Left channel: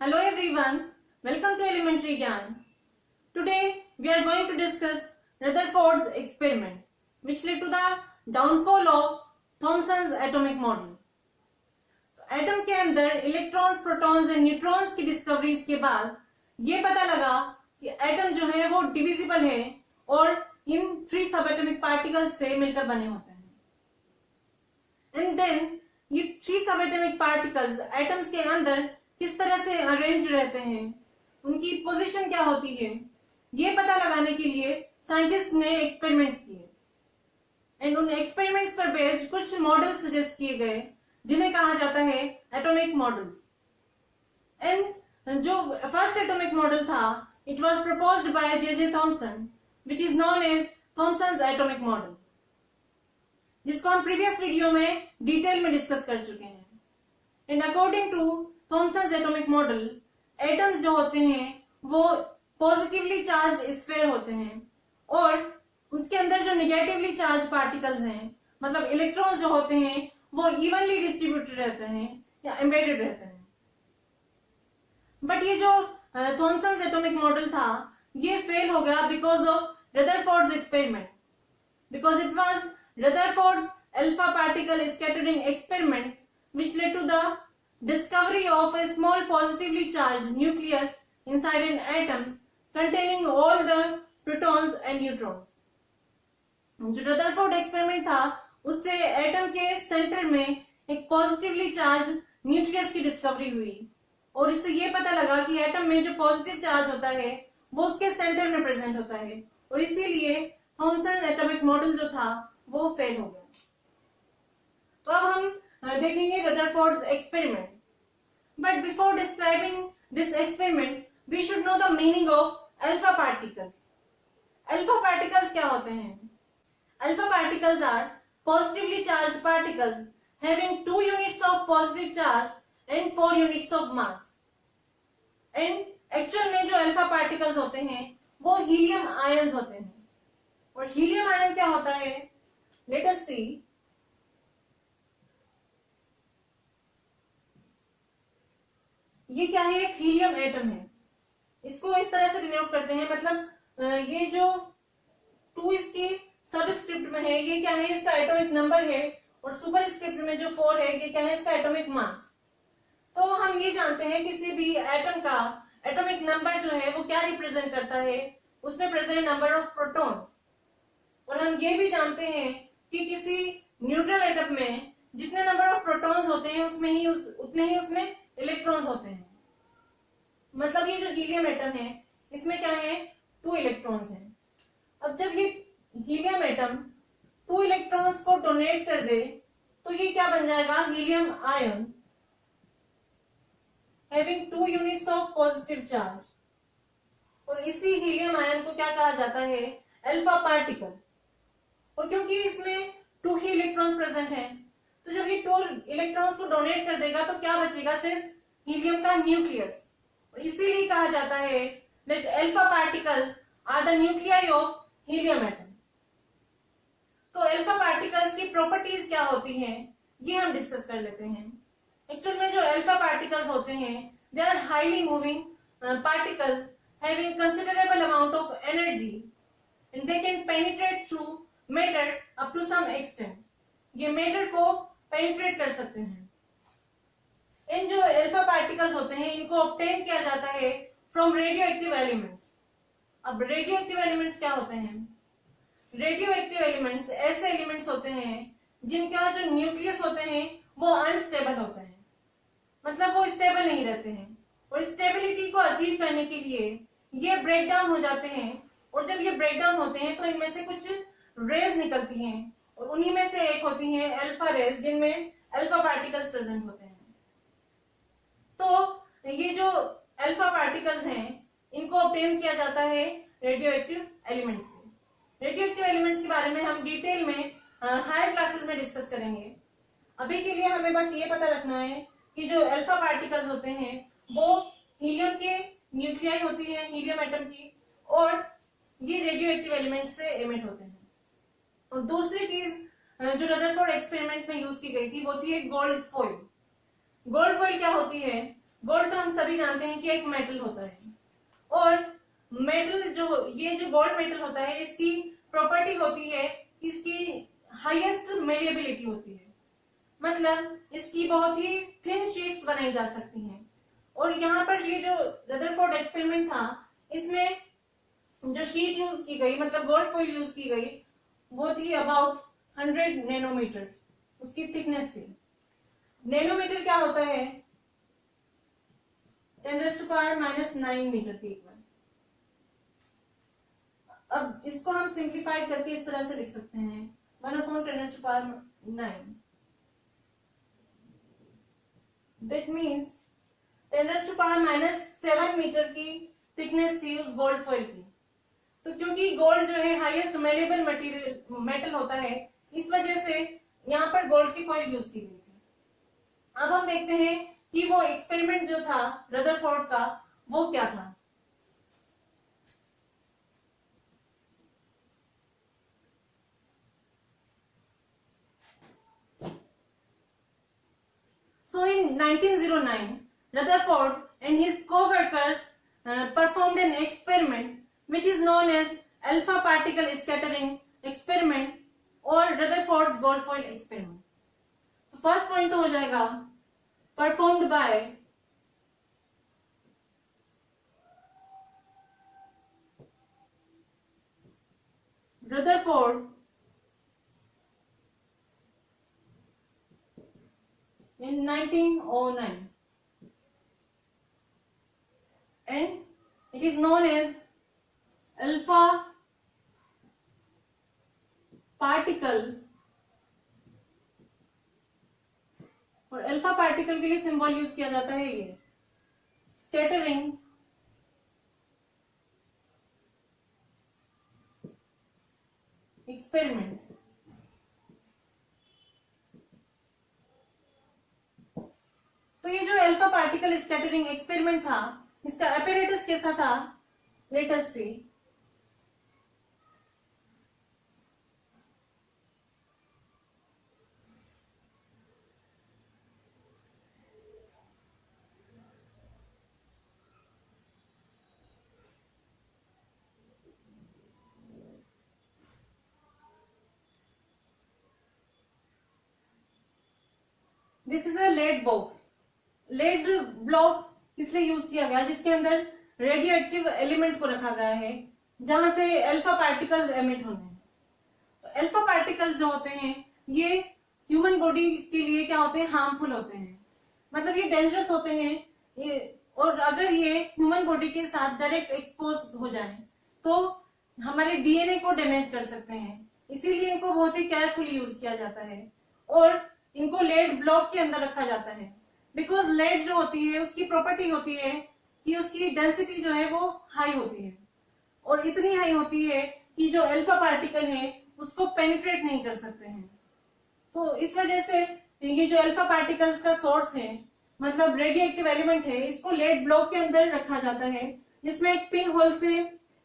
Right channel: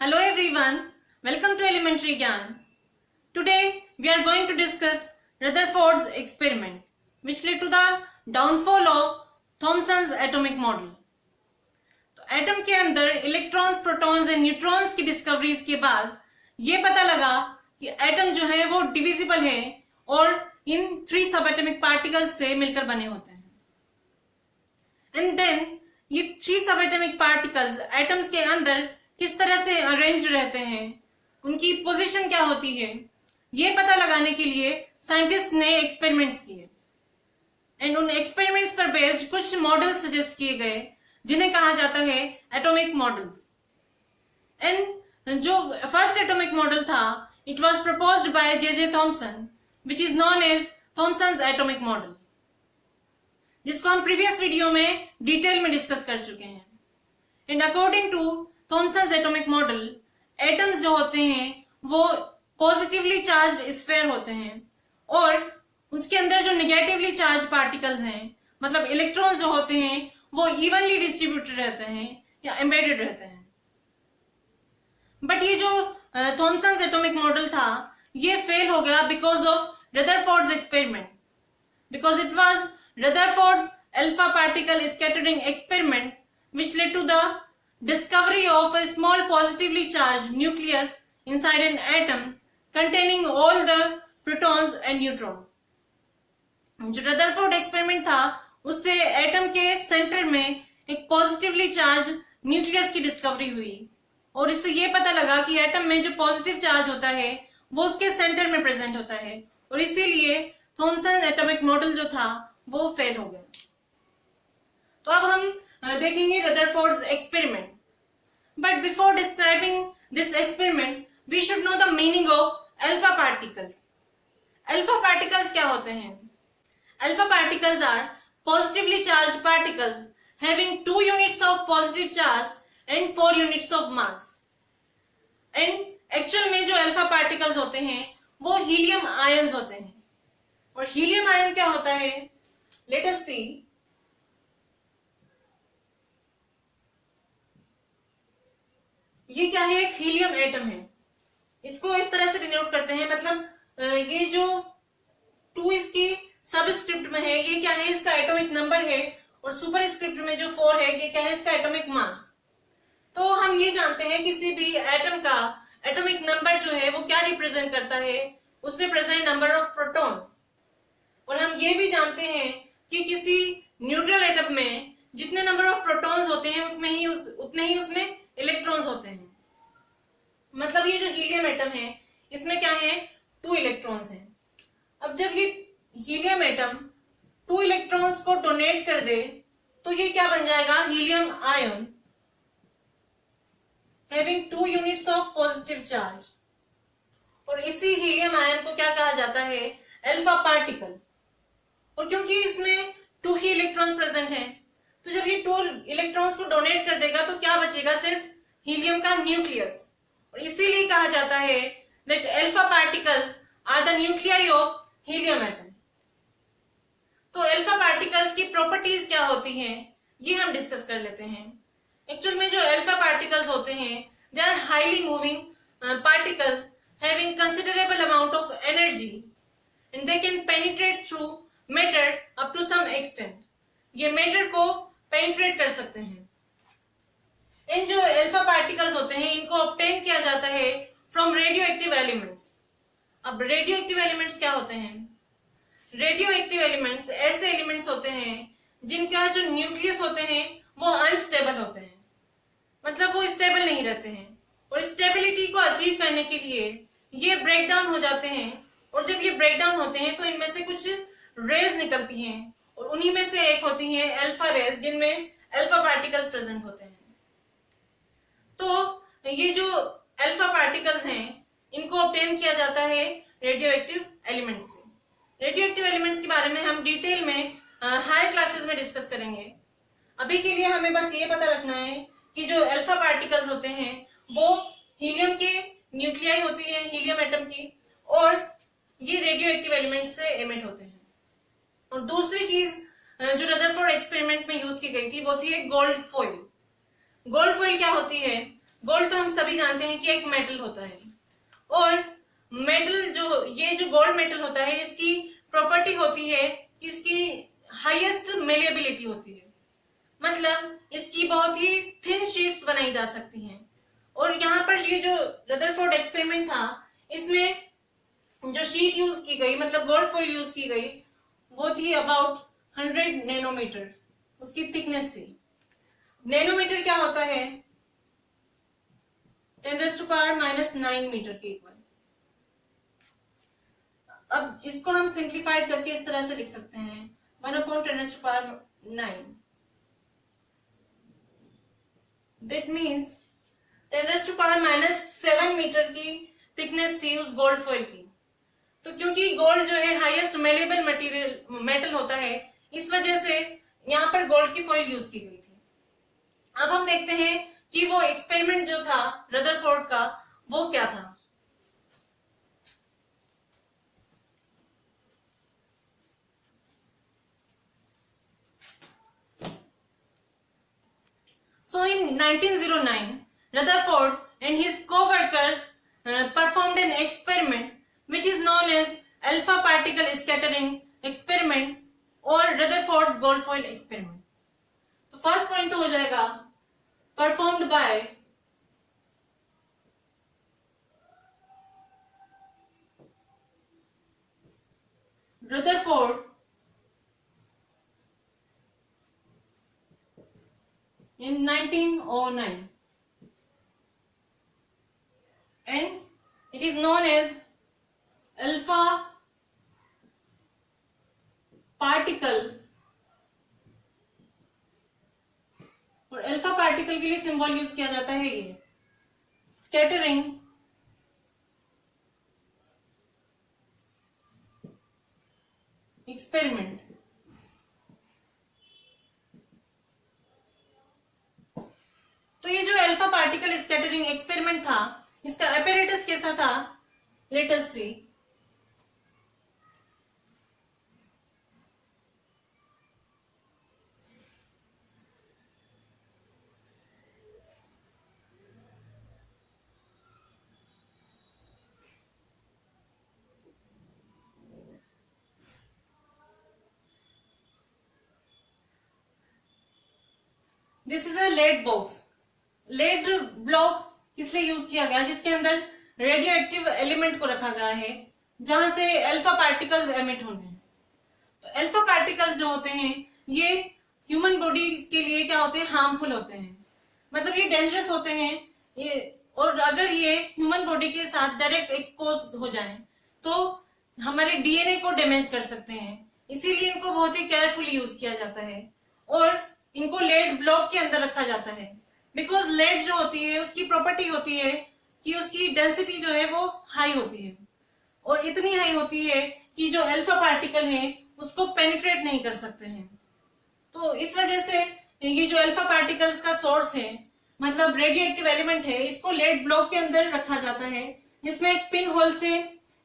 Hello everyone, welcome to Elementary Gyan. Today we are going to discuss Rutherford's experiment which led to the downfall of Thomson's atomic model. तो atom के अंदर electrons, protons and neutrons की discoveries के बाद ये पता लगा कि एटम जो है वो डिविजिबल है और इन 3 सब एटमिक पार्टिकल्स से मिलकर बने होते हैं. एंड देन ये 3 सब एटमिक पार्टिकल्स एटम्स के अंदर किस तरह से अरेंज्ड रहते हैं, उनकी पोजीशन क्या होती है, ये पता लगाने के लिए साइंटिस्ट ने एक्सपेरिमेंट्स किए. एंड उन एक्सपेरिमेंट्स पर बेस्ड कुछ मॉडल्स सजेस्ट किए गए जिन्हें कहा जाता है एटॉमिक मॉडल्स. एंड जो फर्स्ट एटॉमिक मॉडल था, it was proposed by J Thomson which is known as Thomson's atomic model, जिसको हम प्रीवियस वीडियो में डिटेल में डिस्कस कर चुके हैं. And according to Thomson's atomic model, atoms जो होते हैं वो पॉजिटिवली चार्ज्ड स्फीयर होते हैं और उसके अंदर जो नेगेटिवली चार्ज पार्टिकल्स हैं, मतलब इलेक्ट्रॉन्स जो होते हैं, वो इवनली डिस्ट्रीब्यूटेड रहते हैं या एम्बेडेड रहते हैं. बट ये जो थॉमसन्स एटॉमिक मॉडल था, ये फेल हो गया because of Rutherford's experiment, because it was Rutherford's alpha particle scattering experiment which led to the discovery of a small positively charged nucleus inside an atom containing all the protons and neutrons. जो Rutherford experiment था, उससे atom के centre में एक positively charge nucleus की discovery हुई और इससे ये पता लगा कि एटम में जो पॉजिटिव चार्ज होता है वो उसके सेंटर में प्रेजेंट होता है और इसीलिए थॉमसन एटॉमिक मॉडल जो था वो फेल हो गया. तो अब हम देखेंगे Rutherford's experiment. But before describing this experiment we should know the meaning of alpha particles. Alpha particles क्या होते हैं? Alpha particles are positively charged particles having 2 units of positive charge and 4 units of mass. And actual में जो alpha particles होते हैं वो helium ions होते हैं. और हीलियम आयन क्या होता है? लेट अस सी. ये क्या है? एक हीलियम एटम है. इसको इस तरह से डिनोट करते हैं, मतलब ये जो 2 इसकी सबस्क्रिप्ट में है, ये क्या है? इसका एटॉमिक नंबर है. और सुपरस्क्रिप्ट में जो 4 है, ये क्या है? इसका एटॉमिक मास. तो हम ये जानते हैं किसी भी एटम का एटॉमिक नंबर जो है वो क्या रिप्रेजेंट करता है? उसमें प्रेजेंट नंबर ऑफ प्रोटॉन्स. और हम ये भी जानते हैं कि किसी न्यूट्रल एटम में जितने नंबर ऑफ प्रोटॉन्स होते हैं उतने ही उसमें इलेक्ट्रॉन्स होते हैं. मतलब ये जो हीलियम एटम है, इसमें क्या है? 2 इलेक्ट्रॉन्स हैं. अब जब ये हीलियम एटम 2 इलेक्ट्रॉन्स को डोनेट कर दे तो ये क्या बन जाएगा? Helium ion having 2 units of positive charge. और इसी हीलियम आयन को क्या कहा जाता है? Alpha particle. और क्योंकि इसमें 2 ही इलेक्ट्रॉन्स प्रेजेंट हैं, तो जब ये 2 इलेक्ट्रॉन्स को डोनेट कर देगा तो क्या बचेगा? सिर्फ हीलियम का न्यूक्लियस. और इसीलिए कहा जाता है that alpha particles are the nuclei of helium atom. तो अल्फा पार्टिकल्स की प्रॉपर्टीज क्या होती हैं, ये हम डिस्कस कर लेते हैं. एक्चुअल में जो अल्फा पार्टिकल्स होते हैं, they are highly moving particles having considerable amount of energy and they can penetrate through matter up to some extent. ये मैटर को पेनिट्रेट कर सकते हैं. इन जो अल्फा पार्टिकल्स होते हैं, इनको ऑब्टेन किया जाता है फ्रॉम रेडियो एक्टिव एलिमेंट्स. अब रेडियो एक्टिव एलिमेंट्स क्या होते हैं? रेडियो एक्टिव एलिमेंट्स ऐसे एलिमेंट्स होते हैं जिनका जो न्यूक्लियस होते हैं वो अनस्टेबल होते हैं, मतलब वो स्टेबल नहीं रहते हैं. और स्टेबिलिटी को अचीव करने के लिए ये ब्रेक डाउन हो जाते हैं. और जब ये ब्रेक डाउन होते हैं तो इनमें से कुछ रेज निकलती हैं और उन्हीं में से एक होती हैं अल्फा रेज, जिनमें अल्फा पार्टिकल्स प्रेजेंट होते हैं. तो ये जो अल्फा पार्टिकल्स हैं, इनको ऑब्टेन किया जाता है रेडियो एक्टिव एलिमेंट्स से. रेडियो एक्टिव एलिमेंट्स के बारे में हम डिटेल में हायर क्लासेस में डिस्कस करेंगे. अभी के लिए हमें बस ये पता रखना है कि जो अल्फा पार्टिकल्स होते हैं वो हीलियम के न्यूक्लियाई होती है, हीलियम एटम की, और ये रेडियो एक्टिव एलिमेंट्स से एमिट होते हैं. और दूसरी चीज जो रदरफोर्ड एक्सपेरिमेंट में यूज की गई थी वो थी एक गोल्ड फॉइल. गोल्ड फॉइल क्या होती है? गोल्ड तो हम सभी जानते हैं कि एक मेटल होता है, और मेटल जो ये जो गोल्ड मेटल होता है इसकी प्रॉपर्टी होती है कि इसकी हाईएस्ट मेलेबिलिटी होती है, मतलब इसकी बहुत ही थिन शीट्स बनाई जा सकती हैं। और यहाँ पर ये जो रदरफोर्ड एक्सपेरिमेंट था इसमें जो शीट यूज की गई, मतलब गोल्ड फॉइल यूज की गई, वो थी अबाउट 100 नैनोमीटर उसकी थिकनेस थी। नैनोमीटर क्या होता है? 10⁻⁻9 मीटर के इक्वल। अब इसको हम सिंप्लीफाइड करके इस तरह से लिख सकते हैं 1/10⁻9। दैट मीन्स 10⁻⁷ मीटर की थिकनेस थी उस गोल्ड फॉइल की। तो क्योंकि गोल्ड जो है हाईएस्ट मेलेबल मटेरियल मेटल होता है, इस वजह से यहाँ पर गोल्ड की फॉइल यूज की गई थी। अब हम देखते हैं कि वो एक्सपेरिमेंट जो था रदरफोर्ड का वो क्या था। So in 1909, Rutherford and his co-workers performed an experiment which is known as alpha particle scattering experiment or Rutherford's gold foil experiment. तो फर्स्ट पॉइंट तो हो जाएगा performed by Rutherford in 1909 and it is known as alpha particle, और alpha particle के लिए symbol use किया जाता है ये स्कैटरिंग एक्सपेरिमेंट। तो ये जो अल्फा पार्टिकल स्कैटरिंग एक्सपेरिमेंट था इसका अपैरेटस कैसा था, let us see. This is a lead box. Lead block इसलिए यूज किया गया जिसके अंदर रेडियो एक्टिव एलिमेंट को रखा गया है जहां से अल्फा पार्टिकल्स एमिट होने हैं। तो अल्फा पार्टिकल्स जो होते हैं ये ह्यूमन बॉडी के लिए क्या होते हैं, हार्मफुल होते हैं, मतलब ये डेंजरस होते हैं ये। और अगर ये ह्यूमन बॉडी के साथ डायरेक्ट एक्सपोज हो जाए तो हमारे डीएनए को डैमेज कर सकते हैं, इसीलिए इनको बहुत ही केयरफुली यूज किया जाता है और इनको लेड ब्लॉक के अंदर रखा जाता है। बिकॉज लेड जो होती है उसकी प्रॉपर्टी होती है कि उसकी डेंसिटी जो है वो हाई होती है, और इतनी हाई होती है कि जो अल्फा पार्टिकल है उसको पेनिट्रेट नहीं कर सकते हैं। तो इस वजह से ये जो अल्फा पार्टिकल्स का सोर्स है, मतलब रेडियो एक्टिव एलिमेंट है, इसको लेड ब्लॉक के अंदर रखा जाता है जिसमें एक पिन होल से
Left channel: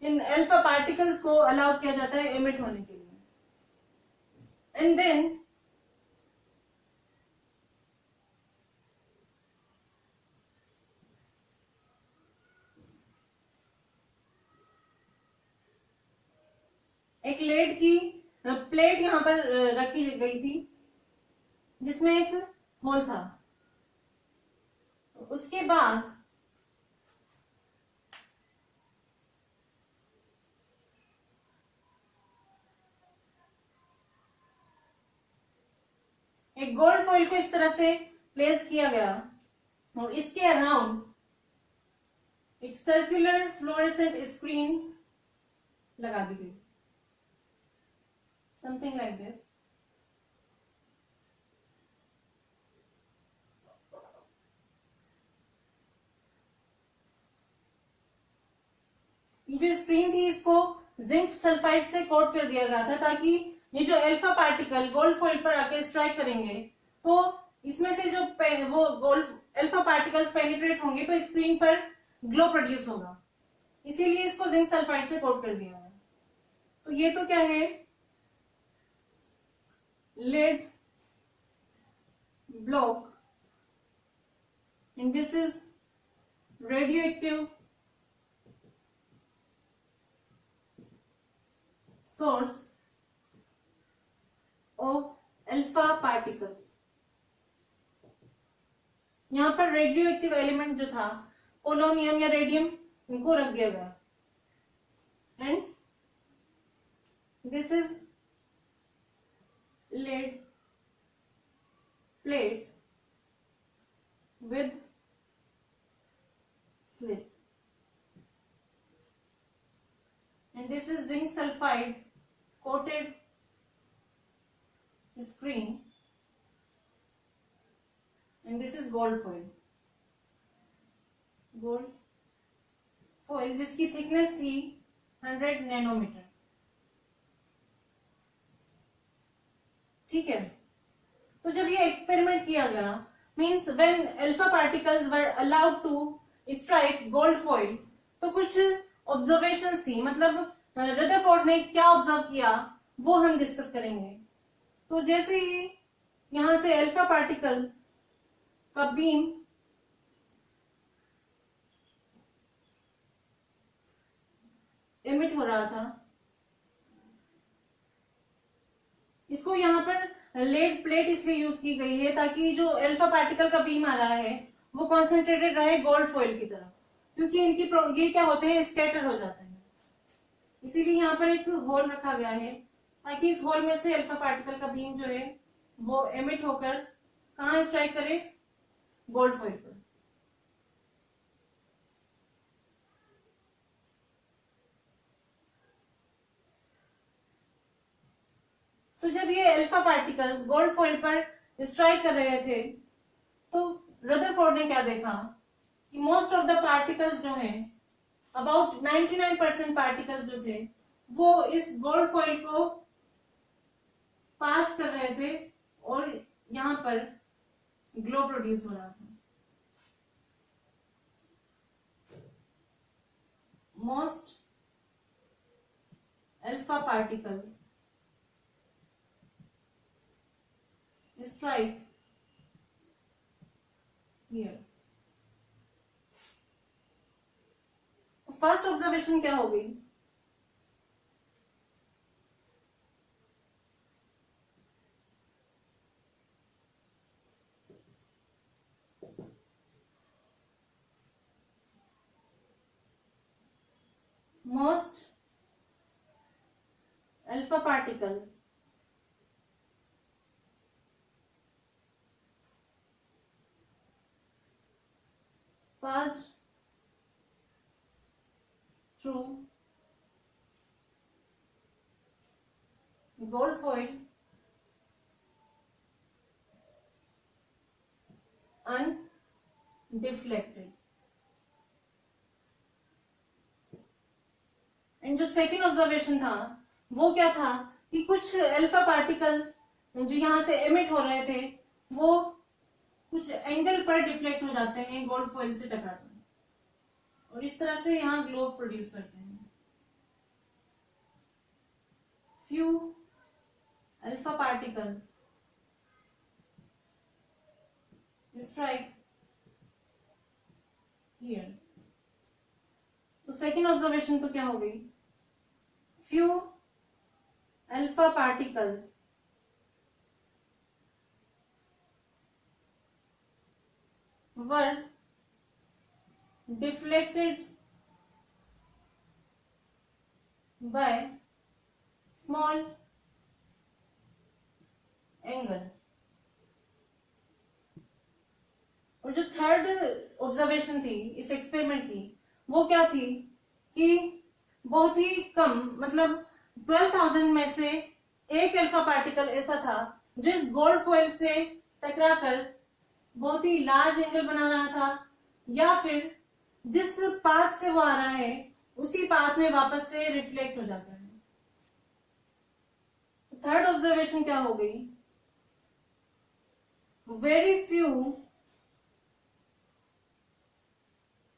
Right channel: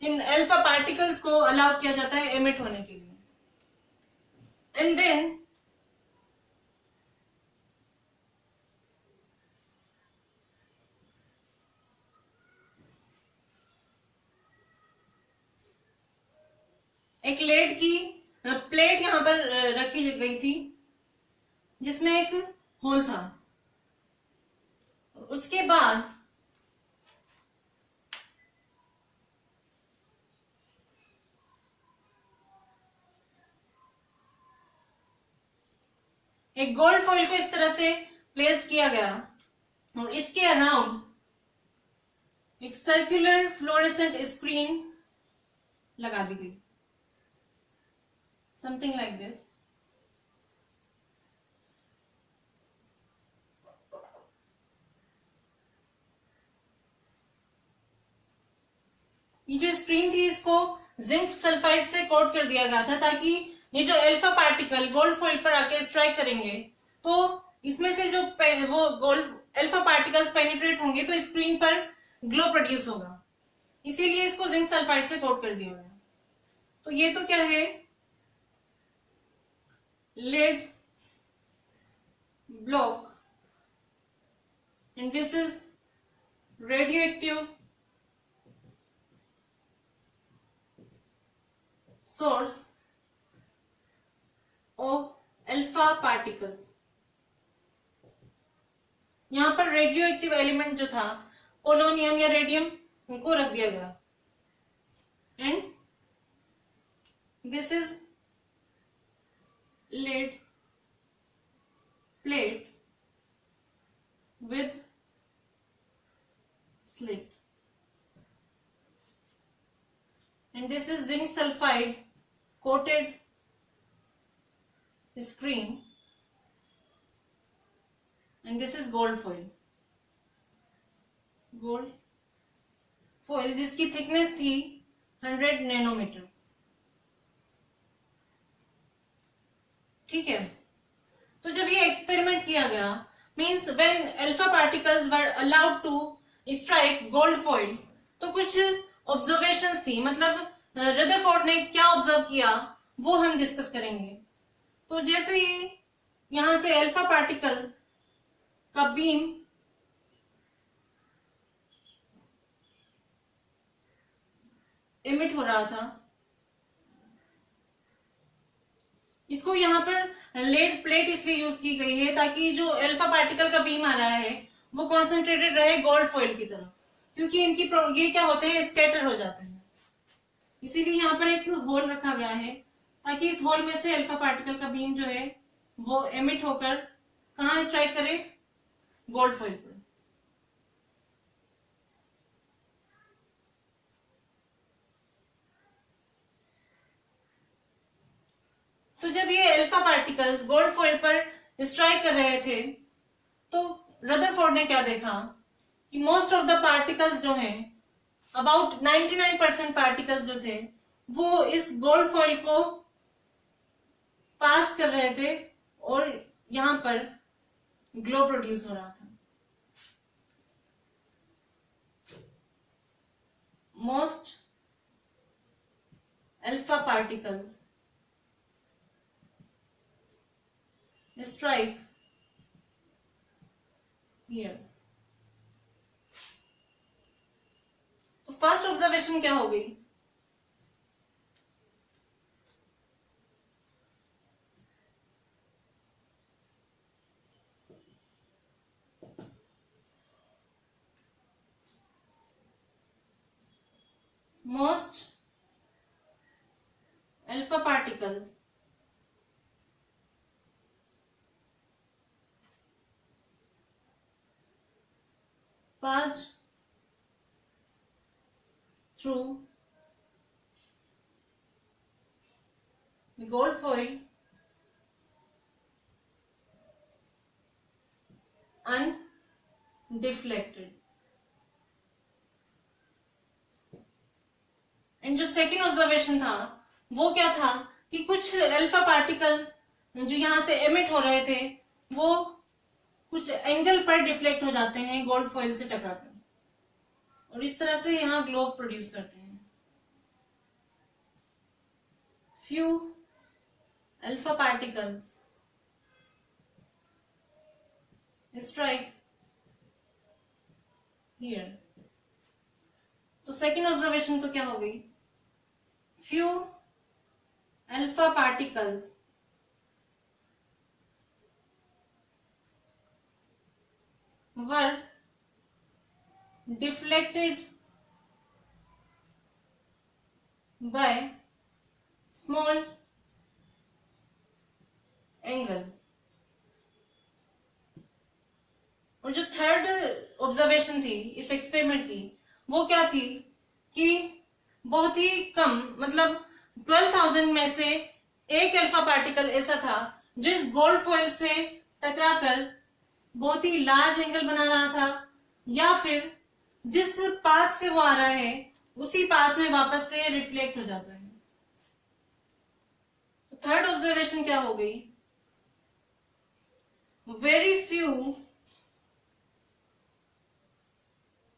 इन अल्फा पार्टिकल्स को अलाउ किया जाता है एमिट होने के लिए। एंड देन एक लेड की प्लेट यहां पर रखी गई थी जिसमें एक होल था। उसके बाद एक गोल्ड फॉइल को इस तरह से प्लेस किया गया और इसके अराउंड एक सर्कुलर फ्लोरेसेंट स्क्रीन लगा दी गई, समथिंग लाइक दिस। ये जो स्क्रीन थी इसको जिंक सल्फाइड से कोट कर दिया गया था ताकि ये जो अल्फा पार्टिकल गोल्ड फॉइल पर आके स्ट्राइक करेंगे तो इसमें से जो वो गोल्ड अल्फा पार्टिकल्स पेनिट्रेट होंगे तो स्क्रीन पर ग्लो प्रोड्यूस होगा, इसीलिए इसको जिंक सल्फाइड से कोट कर दिया गया। तो ये तो क्या है, lead block, and this is radioactive source of alpha particles। यहां पर रेडियो एक्टिव एलिमेंट जो था पोलोनियम या रेडियम, इनको रख दिया गया। And this is lead plate with slit, and this is zinc sulfide coated screen, and this is gold foil। Gold foil जिसकी थिकनेस थी 100 नैनोमीटर। ठीक है, तो जब ये एक्सपेरिमेंट किया गया, means when alpha particles were allowed to strike gold foil, तो कुछ ऑब्जर्वेशंस थी, मतलब रदरफोर्ड ने क्या ऑब्जर्व किया वो हम डिस्कस करेंगे। तो जैसे ही यहां से अल्फा पार्टिकल्स का बीम एमिट हो रहा था, इसको यहाँ पर लेड प्लेट इसलिए यूज की गई है ताकि जो अल्फा पार्टिकल का बीम आ रहा है वो कॉन्सेंट्रेटेड रहे गोल्ड फॉइल की तरफ, क्योंकि इनकी ये क्या होते हैं, स्कैटर हो जाते हैं। इसीलिए यहाँ पर एक होल रखा गया है ताकि इस होल में से अल्फा पार्टिकल का बीम जो है वो एमिट होकर कहाँ स्ट्राइक करे, गोल्ड फॉइल पर। तो जब ये अल्फा पार्टिकल्स गोल्ड फॉइल पर स्ट्राइक कर रहे थे, तो रदरफोर्ड ने क्या देखा कि मोस्ट ऑफ द पार्टिकल्स जो हैं, अबाउट 99% पार्टिकल्स जो थे वो इस गोल्ड फॉइल को पास कर रहे थे और यहां पर ग्लो प्रोड्यूस हो रहा था। Most alpha particles strike here। तो फर्स्ट ऑब्जर्वेशन क्या हो गई, most alpha particles passed through the gold foil undeflected। And जो सेकेंड ऑब्जर्वेशन था वो क्या था कि कुछ अल्फा पार्टिकल्स जो यहां से एमिट हो रहे थे वो कुछ एंगल पर डिफ्लेक्ट हो जाते हैं गोल्ड फॉइल से टकराकर, और इस तरह से यहां ग्लो प्रोड्यूस करते हैं। Few alpha particles strike here. तो सेकेंड ऑब्जर्वेशन तो क्या हो गई, few alpha particles were deflected by small angles। और जो थर्ड ऑब्जर्वेशन थी इस एक्सपेरिमेंट की वो क्या थी कि बहुत ही कम, मतलब 12,000 में से एक अल्फा पार्टिकल ऐसा था जो इस गोल्ड फॉइल से टकराकर बहुत ही लार्ज एंगल बना रहा था, या फिर जिस पाथ से वो आ रहा है उसी पाथ में वापस से रिफ्लेक्ट हो जाता है। थर्ड ऑब्जर्वेशन क्या हो गई, very few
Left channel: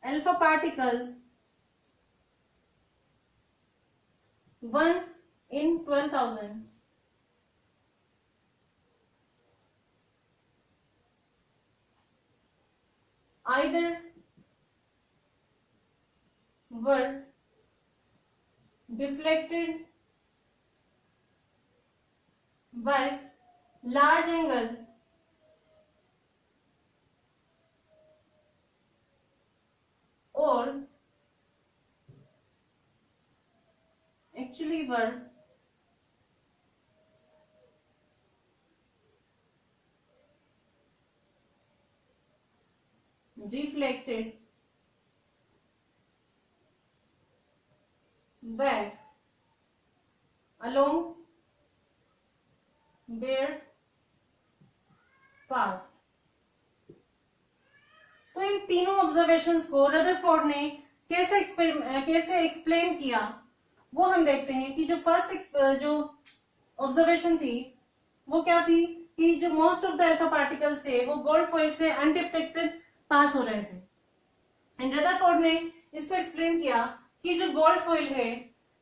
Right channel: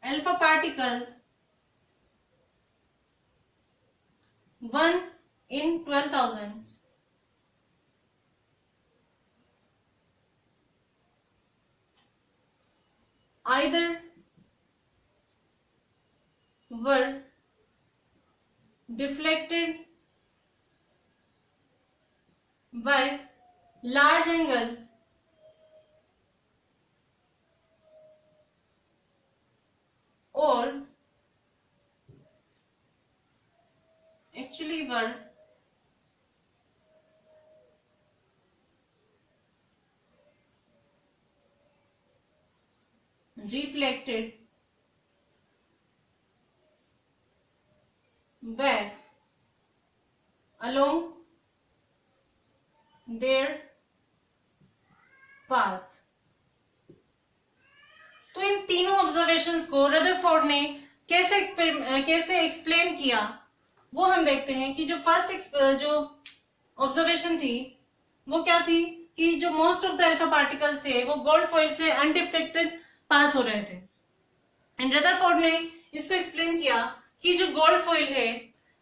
alpha particles 1 in 12,000 either were deflected by large angle or actually were reflected back along their path. तो इन तीनों ऑब्जर्वेशंस को रदरफोर्ड ने कैसे एक्सप्लेन किया वो हम देखते हैं कि जो फर्स्ट जो ऑब्जर्वेशन थी वो क्या थी कि जो most of the alpha particles थे वो गोल्ड फॉइल से अनडिफ्लेक्टेड पास हो रहे थे एंड रदरफोर्ड ने इसको एक्सप्लेन किया कि जो गोल्ड फॉइल है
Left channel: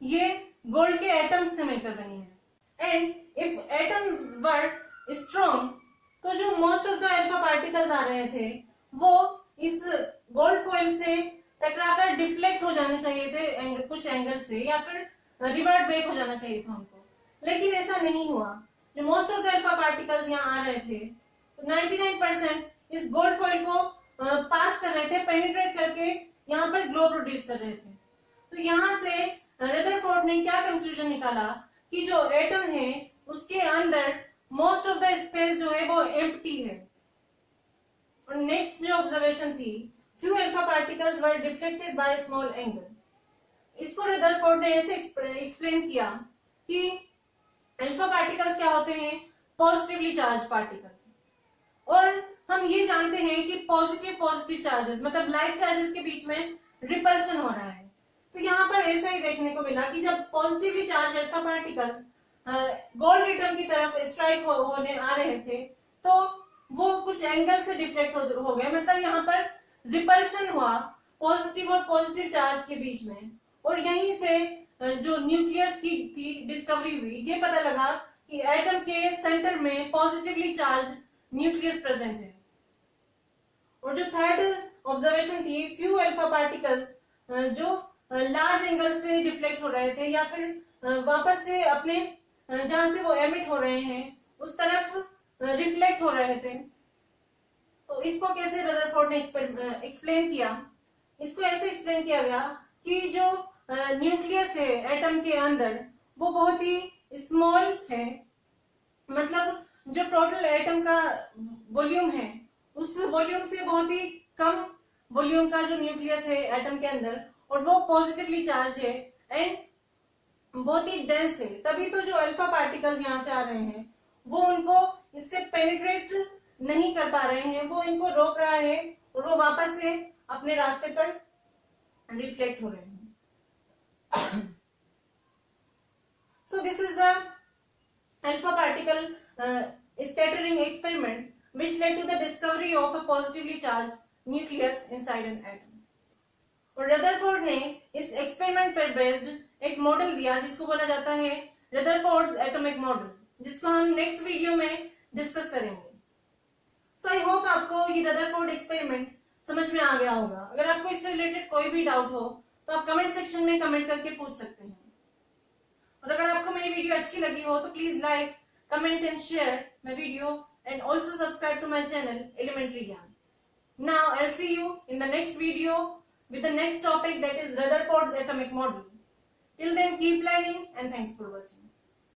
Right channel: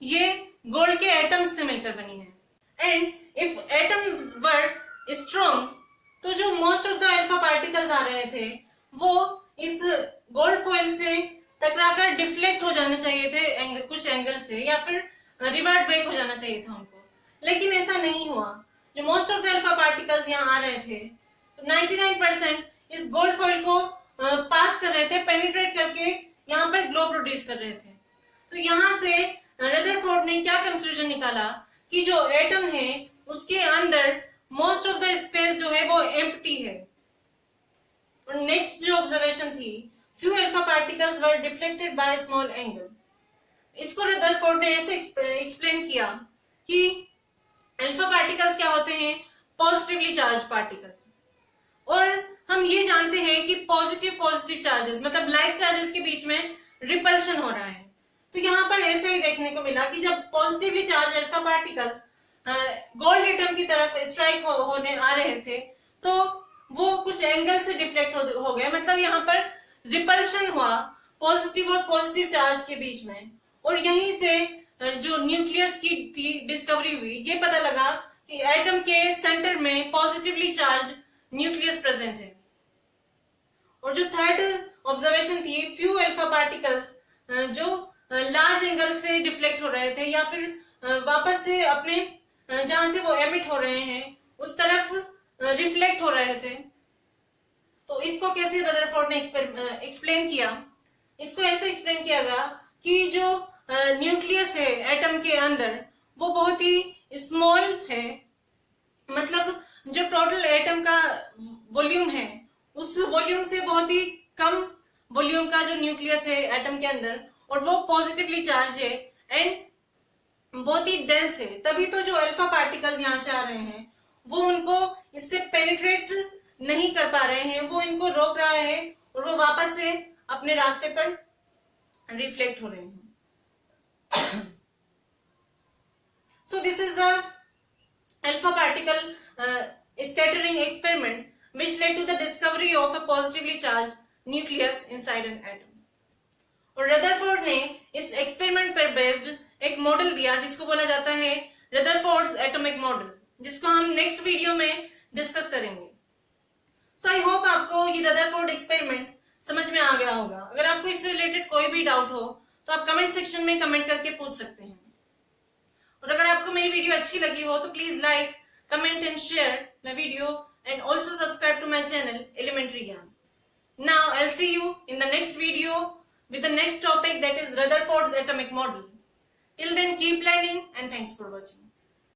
ये गोल्ड के एटम्स से मिलकर बनी है and if atoms were strong तो जो most of the alpha particles आ रहे थे वो इस गोल्ड फॉइल से टकराकर डिफ्लेक्ट हो जाने चाहिए थे कुछ एंगल से या फिर रिवर्ट बैक हो जाना चाहिए था उनको, लेकिन ऐसा नहीं हुआ। जो most of the alpha particles यहाँ आ रहे थे तो 99% इस गोल्ड फॉइल को पास कर रहे थे, पेनिट्रेट करके यहाँ पर ग्लो प्रोड्यूस कर रहे थे। तो यहाँ से रदरफोर्ड ने क्या कंक्लूजन निकाला कि जो एटम है उसके अंदर मोस्ट ऑफ द स्पेस जो है वो एम्प्टी है। और नेक्स्ट जो ऑब्जर्वेशन थी, few alpha particles were deflected by small angle. इसको रदरफोर्ड ने ऐसे एक्सप्लेन किया कि अल्फा पार्टिकल्स क्या होते हैं, पॉजिटिवली चार्ज पार्टिकल्स, और हम ये जानते हैं कि पॉजिटिव चार्जेस मतलब लाइक चार्जेस के बीच में रिपल्शन हो रहा है। तो यहाँ पर ऐसे ही देखने को मिला कि जब positively charge alpha particles gold atom की तरफ स्ट्राइक होने आ रहे थे तो वो कुछ एंगल से डिफ्लेक्ट हो गए, मतलब यहाँ पर रिपल्शन हुआ पॉजिटिव और पॉजिटिव चार्ज के बीच में। और यहीं से जो न्यूक्लियस की थी डिस्कवरी हुई, ये पता लगा कि एटम के सेंटर में पॉजिटिवली चार्ज न्यूक्लियस प्रेजेंट है। और जो थर्ड ऑब्जर्वेशन थी, फ्यू अल्फा पार्टिकल्स जो लार्ज एंगल से डिफ्लेक्ट हो रहे थे या फिर वापस से अपने जहां से वो एमिट हो रहे हैं उस तरफ रिफ्लेक्ट हो रहे थे। तो इसको कैसे रदरफोर्ड ने एक्सप्लेन किया, इसको ऐसे एक्सप्लेन किया गया कि जो न्यूक्लियस है एटम के अंदर वो बहुत ही स्मॉल है, मतलब जो टोटल एटम का वॉल्यूम है उस वॉल्यूम से बहुत ही कम वॉल्यूम का जो न्यूक्लियस है एटम के अंदर, और वो पॉजिटिवली चार्ज है एंड बहुत ही डेंस है। तभी तो जो अल्फा पार्टिकल्स यहाँ से आ रहे हैं वो उनको इससे पेनिट्रेट नहीं कर पा रहे हैं, वो इनको रोक रहा है और वो वापस से अपने रास्ते पर रिफ्लेक्ट हो रहे हैं। So this is the alpha particle scattering experiment which led to the discovery of a positively charged nucleus inside an atom. और रदरफोर्ड ने इस एक्सपेरिमेंट पर बेस्ड एक मॉडल दिया जिसको बोला जाता है रदरफोर्ड्स एटॉमिक मॉडल, जिसको हम नेक्स्ट वीडियो में डिस्कस करेंगे। सो आई होप आपको ये रदरफोर्ड एक्सपेरिमेंट समझ में आ गया होगा। अगर आपको इससे रिलेटेड कोई भी डाउट हो तो आप कमेंट सेक्शन में कमेंट करके पूछ सकते हैं। और अगर आपको मेरी वीडियो अच्छी लगी हो तो please like, comment and share my video and also subscribe to my channel elementary ज्ञान। Now I'll see you in the next video with the next topic, that is Rutherford's atomic model. Till then, keep learning and thanks for watching.